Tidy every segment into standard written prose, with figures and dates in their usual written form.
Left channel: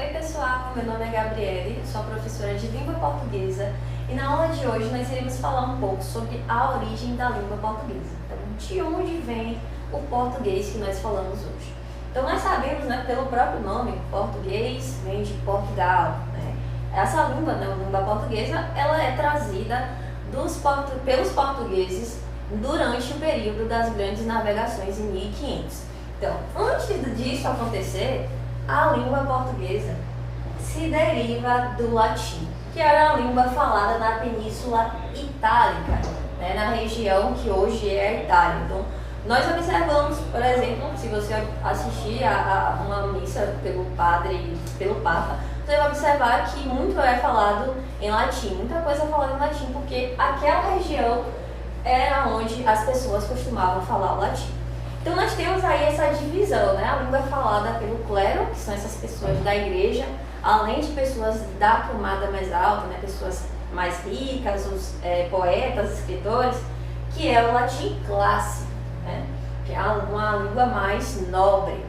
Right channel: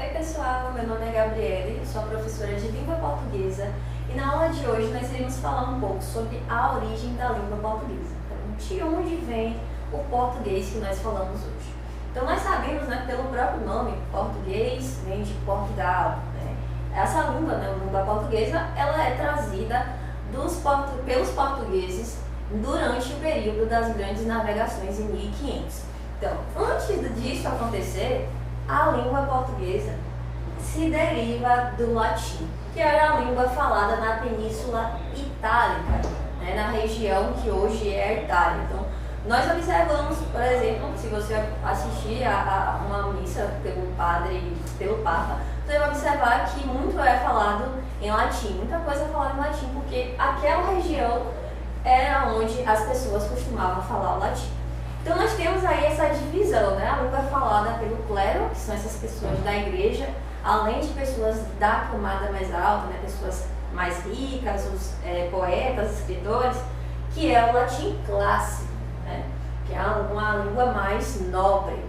Oi pessoal, meu nome é Gabriele, sou professora de língua portuguesa e na aula de hoje nós iremos falar um pouco sobre a origem da língua portuguesa. Então, de onde vem o português que nós falamos hoje? Então, nós sabemos, né, pelo próprio nome, português vem de Portugal, né? Essa língua, né, a língua portuguesa, ela é trazida pelos portugueses durante o período das grandes navegações em 1500. Então, antes disso acontecer, a língua portuguesa se deriva do latim, que era a língua falada na Península Itálica, né, na região que hoje é a Itália. Então, nós observamos, por exemplo, se você assistir a uma missa pelo padre, pelo Papa, você vai observar que muito é falado em latim, muita coisa é falada em latim, porque aquela região era onde as pessoas costumavam falar o latim. Então nós temos aí essa divisão, né? A língua falada pelo clero, que são essas pessoas da igreja, além de pessoas da camada mais alta, né? Pessoas mais ricas, os poetas, escritores, que é o latim clássico, né? Que é uma língua mais nobre.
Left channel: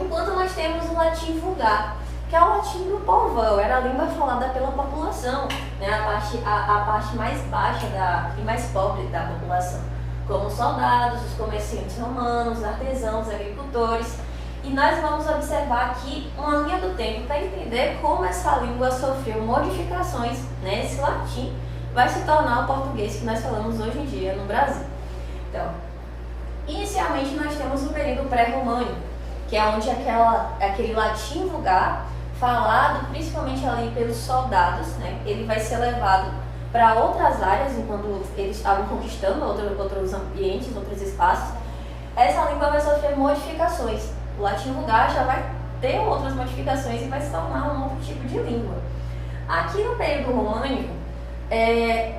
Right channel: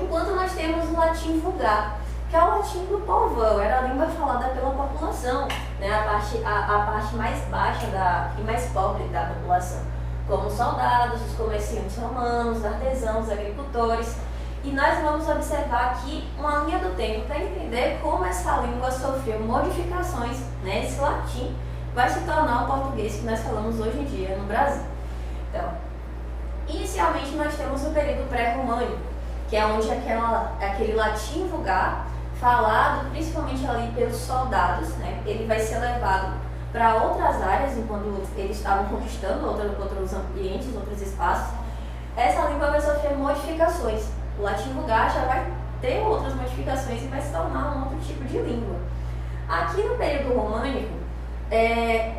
Enquanto nós temos o latim vulgar, que é o latim do povão, era a língua falada pela população, né? A parte mais baixa e mais pobre da população, como os soldados, os comerciantes romanos, artesãos, agricultores. E nós vamos observar aqui uma linha do tempo para entender como essa língua sofreu modificações, né? Esse latim vai se tornar o português que nós falamos hoje em dia no Brasil. Então, inicialmente nós temos o período pré-românico, que é onde aquele latim vulgar, falado principalmente ali pelos soldados, né? Ele vai ser levado para outras áreas, enquanto eles estavam conquistando outros ambientes, outros espaços. Essa língua vai sofrer modificações. O latim vulgar já vai ter outras modificações e vai se tornar um outro tipo de língua. Aqui no período românico,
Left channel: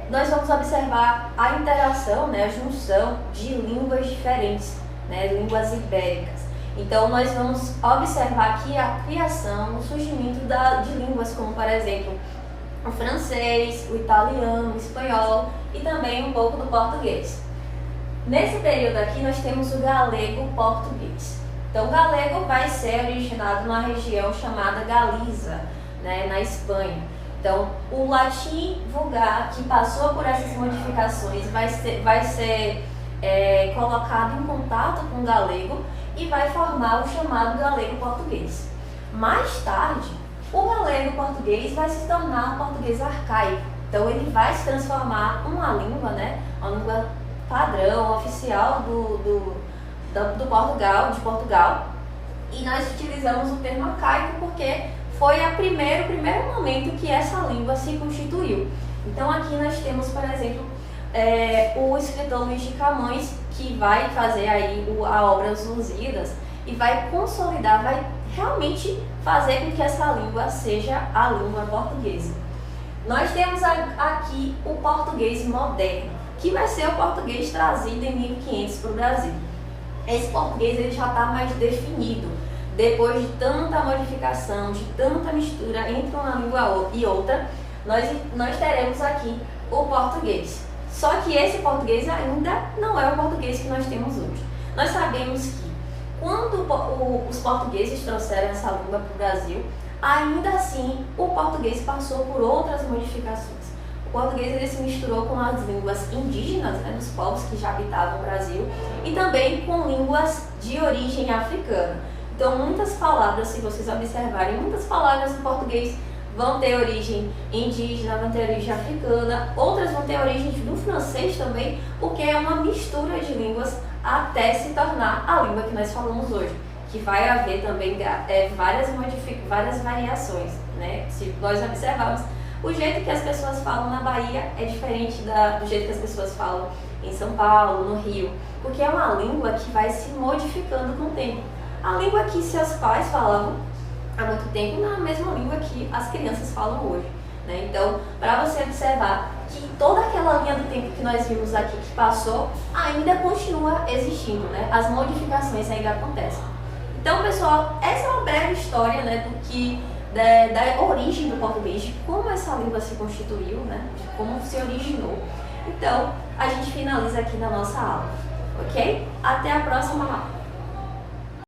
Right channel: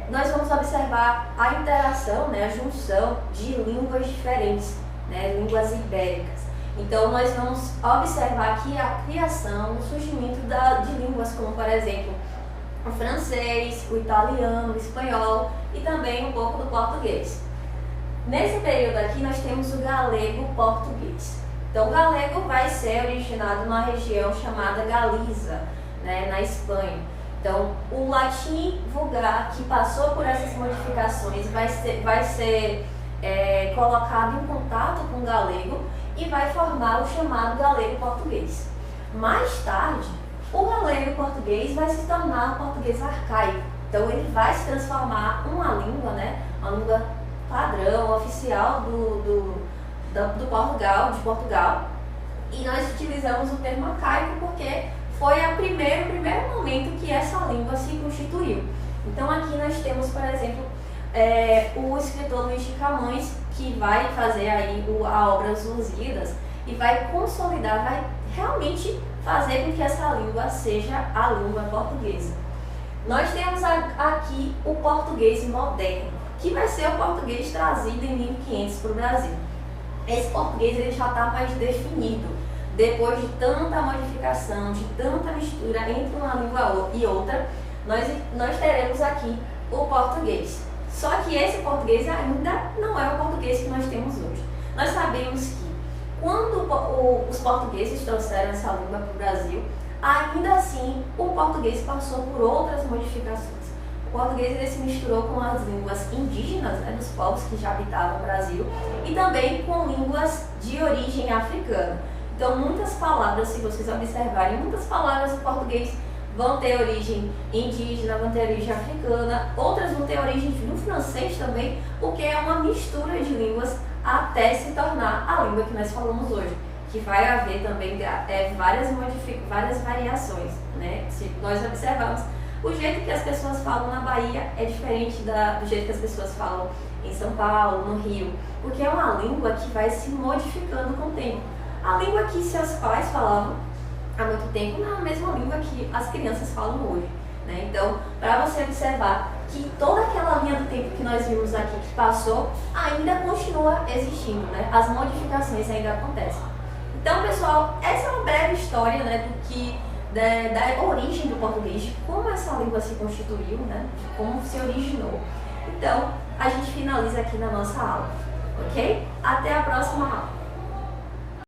nós vamos observar a interação, né, a junção de línguas diferentes, né, línguas ibéricas. Então, nós vamos observar aqui a criação, o surgimento de línguas como, por exemplo, o francês, o italiano, o espanhol e também um pouco do português. Nesse período aqui nós temos o galego-português. Então o galego vai ser originado numa região chamada Galiza, né, na Espanha. Então o latim vulgar, que passou por essas modificações, vai ser colocado em contato com o galego e vai formar o chamado galego-português. Mais tarde, o galego-português vai se tornar um português arcaico. Então ele vai se transformar em uma língua, né, uma língua padrão, oficial de Portugal. E nós utilizamos o termo arcaico porque foi o primeiro momento que essa língua se constituiu. Então aqui nós temos, por exemplo, o escritor Luís de Camões, que vai fazer aí a obra Os Lusíadas e vai consolidar, vai realmente fazer com que essa língua seja a língua portuguesa. Nós temos aqui o português moderno, que vai ser o português trazido em 1500 para o Brasil. Esse português ele já está mais definido, depois de tanta modificação, de tanta mistura entre uma língua e outra, nós teremos aqui o português. Só que esse português ainda não é o português que nós temos hoje. Nós sabemos que quando os portugueses trouxeram essa língua para o Brasil, ainda assim o português passou por outras modificações. O português ele se misturou com as línguas indígenas, né, dos povos que já habitavam o Brasil, e também com línguas de origem africana. Então muitas palavras, se vocês observarem, muitas palavras do português vão ter origem indígena, vão ter origem africana, outras vão ter origem do francês também, porque é uma mistura de línguas até se tornar a língua que nós falamos hoje, que vai haver também várias variações, né? Se nós observarmos, o jeito que as pessoas falam na Bahia é diferente do jeito que as pessoas falam em São Paulo, no Rio, porque é uma língua que vai se modificando com o tempo. A língua que seus pais falavam há muito tempo não é a mesma língua que as crianças falam hoje, né? Então, para você observar que toda aquela linha do tempo que nós vimos aqui que passou ainda continua existindo, né? As modificações ainda acontecem. Então, pessoal, essa é uma breve história, né, da origem do português, de como essa língua se constituiu, né, de como se originou. Então, a gente finaliza aqui na nossa aula, ok? Até a próxima aula.